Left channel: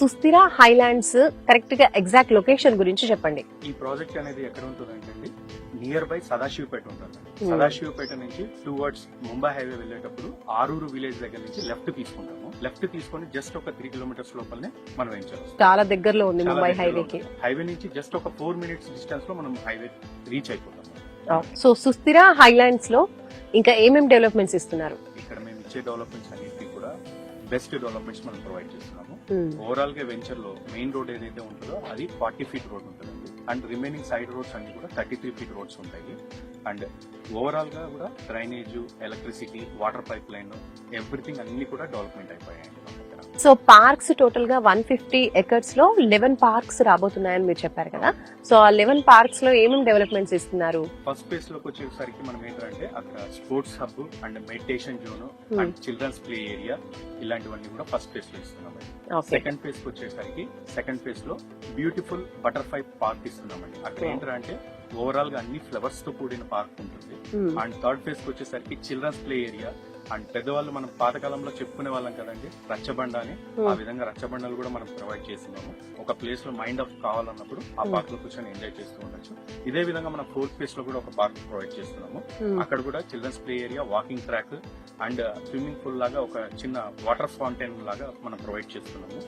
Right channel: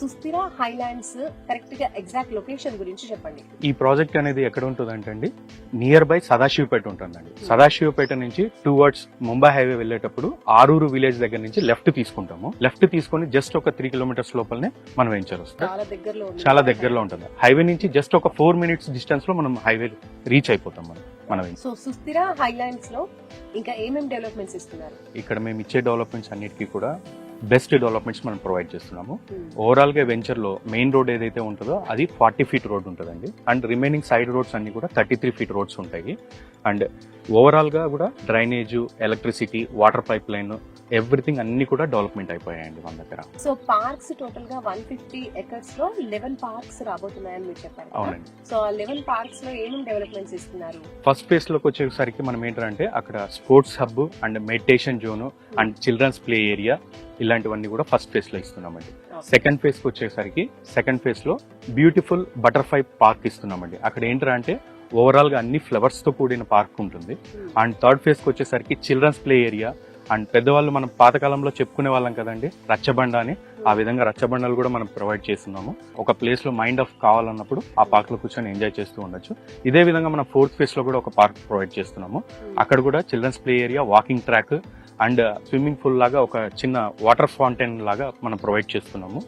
సుస్థిర హైలాండ్స్ కరెక్ట్గా exact location గురించి చెప్పండి. ఈ ప్రాజెక్ట్ అనేది ఎక్కడ ఉంటుందంటే అండి నియర్ బై సదాశివపేట ఉంటుందండి. సదాశివపేట నుంచి టూ వర్డ్స్ ముంబై హైవే వెళ్ళేటప్పుడు ఆరూరు విలేజ్ దగ్గర నుంచి లెఫ్ట్ తీసుకుంటాము. లెఫ్ట్ తీసుకొని జస్ట్ ఒక త్రీ కిలోమీటర్స్ లోపలనే మనం వెంచర్ చాలా దగ్గరలో ఉంది చాలా దగ్గరలో. ఉంటుంది. హైవే నుంచి జస్ట్ ఒక ఫోర్ మినిట్స్ డిస్టెన్స్లో మనం హైవే రీచ్ అయిపోతాం. సో సుస్థిర హైలాండ్స్లో ఇంకా ఏమేం డెవలప్మెంట్స్ ఇస్తున్నారు? ఇక్కడ మేము ఇచ్చే డెవలప్మెంట్స్ అన్నిటికీ కూడా బెస్ట్ డెవలప్మెంట్స్ మనం ప్రొవైడ్ చేస్తున్నాము. Hmm. ఓవరాల్గా వెంచర్లో మెయిన్ రోడ్ ఏదైతే ఉంటుందో అది ఫార్టీ ఫీట్ రోడ్ ఉంటుందండి. అండ్ రిమైనింగ్ సైడ్ రోడ్స్ అన్ని కూడా థర్టీ త్రీ ఫీట్ రోడ్స్ ఉంటాయి. అండ్ ఓవరాల్గా కూడా drainage electricity water pipe line everything అన్ని కూడా డెవలప్మెంట్ అయిపోయాయండి మన దగ్గర. సో పార్క్స్ టోటల్గా వన్ ఫిఫ్టీ ఎకర్స్లో లెవెన్ పార్క్స్ రాబోతున్నాయని మీరు చెప్పారు కదా. సో ఆ లెవెన్ పార్క్స్లో ఏమేమి డెవలప్మెంట్స్ ఇస్తున్నారు ఫస్ట్ ఫేజ్లోకి వచ్చేసరికి మనం ఏంటంటే అక్కడ sports hub and meditation zone and children's play area ఇలాంటివన్నీ కూడా ఫస్ట్ ఫేజ్లో ఇస్తున్నామండి సెకండ్ ఫేజ్కి వచ్చేసరికి సెకండ్ ఫేజ్లో బ్యూటిఫుల్ బటర్ఫ్లై పార్క్ ఇస్తున్నామండి. అక్కడ ఏంటంటే ఓవరాల్గా అన్ని ఫ్లవర్స్తో కూడిన పార్క్ ఉంటుంది. Hmm. అండ్ థర్డ్ ఫేజ్కి వచ్చేసరికి చిల్డ్రన్స్ ప్లే ఏరియా అండ్ పెద్దవాళ్ళు మనం పాతకాలంలో చెప్పుకునే వాళ్ళం కదండి రచ్చబండ అని ఆ విధంగా రచ్చబండలు కూడా మనం ప్రొవైడ్ చేస్తున్నాము. ఒక ప్లేస్లో మైండ్ ఆఫ్ కావాలన్నప్పుడు ఆ Hmm. పార్క్లో కూర్చొని ఎంజాయ్ చేస్తూ ఉండొచ్చు. ఇదే విధంగా మనం ఫోర్త్ ఫేజ్లో కూడా ఒక పార్క్ ప్రొవైడ్ చేస్తున్నాము. Hmm. అక్కడ కూడా children's play area walking track and swimming pool లాగా ఒక చిన్న వాటర్ ఫౌంటైన్ లాగా మనం ప్రొవైడ్ చేస్తున్నాము.